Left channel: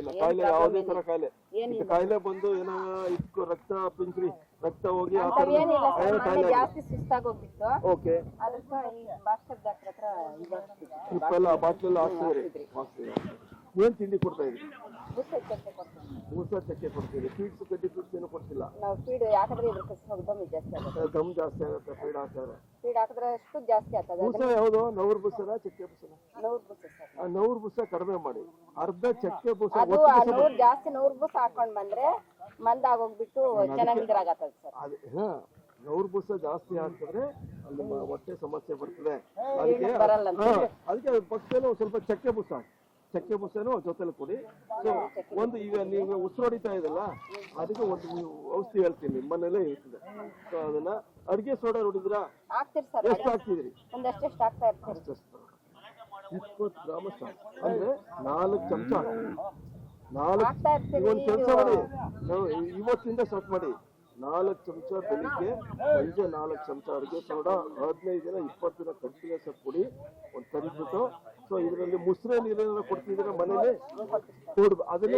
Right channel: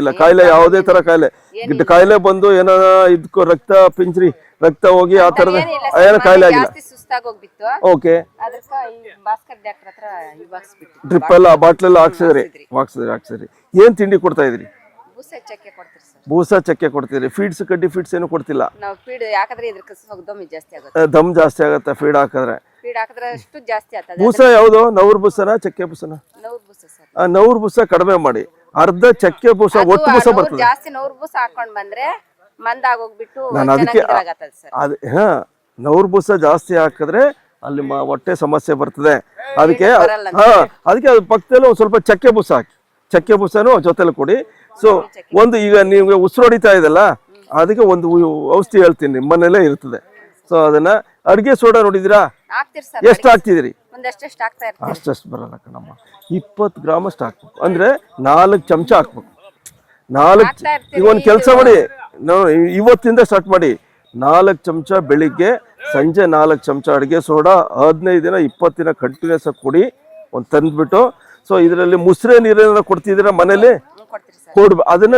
ಇಲ್ಲ. ಕಾಯಿಲೆ ಯಾವುದೇ ತರ ಕಾಯಿಲೆ ಬಂದು ಏನೋ ಇದಕ್ಕೂ ರಕ್ತ ಪಿಂಚ್ರಿ ರಕ್ತ ಹೋಗಿ ಆ ತರದ ಏನೋ ಕಾಯಿಲೆ ಆಗಿಲ್ಲ. ಓಕೆ, ಡ್ರಿಪ್ ಎಲ್ಲ ಬಾಟ್ಲೆಲ್ಲ ಹಾಕ್ಸಿದ್ರಿ. ಏನ್ ತಿಂಡಿ ಕೊಡ್ತಾ ಇದ್ರಿ? ಬೂಸ ಚಕ್ಕೆ ಕೊಡ್ತಿದ್ರಿ. ಫೀಡ್ಸ್ ಕಡ್ಡಿ ಫೀಡ್ಸ್ ಏನು ಕೊಡ್ತಿಲ್ಲ? ದಮ್ ಜಾಸ್ತಿ ಆಗತ್ತೆ ಫೀಡ್ ಹಾಕಿದ್ರೆ. ಬೂಸ ಯಾವ್ದು? ನವ್ರ ಬೂಸನ ಚಕ್ಕೆ ಬೂಸನ? ನವ್ರ ಬೂಸ ಕಡಿಮೆ ಮಾಡಿ, ಅರ್ಧ ಚಕ್ಕೆ ಬೂಸ ಒಟ್ಟು ಬೂಸ ಬರ್ತದೆ. ನಾನು ಅದಕ್ಕೆ ನವ್ರ ಬೂಸ ಜಾಸ್ತಿ ಹಾಕಿದ್ರೆ ಅಲ್ಲಿ ಹೊಟ್ಟೆ ಸಮಸ್ಯೆ ಬರ್ತದೆ. ಅದಕ್ಕೆ ಅದು ಪಕ್ಕದಲ್ಲಿ ಒಂದ್ ಸ್ವಲ್ಪ ಚಕ್ಕೆ ಬೂಸ ಹಾಕಿ, ಚಕ್ಕೆ ಬೂಸನು ಜೊತೆಲಿ ಕೊಡಿ. ಸೊ ಒಂದು ಈಗ ನೀವು ಉಸಿರು ಹೊಡಿತಾ ಇದೆಲ್ಲ, ಅದಕ್ಕೆ ಒಂದು ಔಷಧಿ ಹೇಳ್ತೀನಿ, ನಿಮ್ಮನೇಲೇ ಇರ್ತದೆ. ಸೊ ಅದನ್ನ ಅಡ್ಗೆ ಸೋಡಾ ನೋಡಿದಿರಾ? ಎಷ್ಟು ಹಾಕ್ತಿದ್ರಿ? ಅಷ್ಟಷ್ಟು ಬರಲ್ಲ ಕಣಮ್ಮ, 20 ಗ್ರಾಮ್ ಅಷ್ಟು ಹಾಕ್ಬೇಕು. ಅಂದ್ರೆ 4 ಚಮಚ ಹಾಕ್ಬೇಕು. ಈಗ ಒಂದು ಕೆಲಸ ಮಾಡಿ, ಇವತ್ತಿಂದ ಸ್ಟಾರ್ಟ್ ಮಾಡಿ. 4 ಚಮಚ ಬೆಳಿಗ್ಗೆ, ಸಂಜೆ 4 ಚಮಚ ಅಡುಗೆ ಸೋಡಾ 15 ದಿನ 20 ದಿನ ಕಂಟಿನ್ಯೂಸ್ ಆಗಿ ಕೊಡಿ. ಒಂದು ತಂದ್ಬಿಟ್ಟು, ಸೊ ಇದರಲ್ಲಿ ಮುಸ್ರೆ ನೀರೇನಾರ ಕೊಡ್ತಿದ್ದೀರಾ ಮನೇಲಿ? ಕೊಡ್ಬೇಕು. ಅದನ್ನ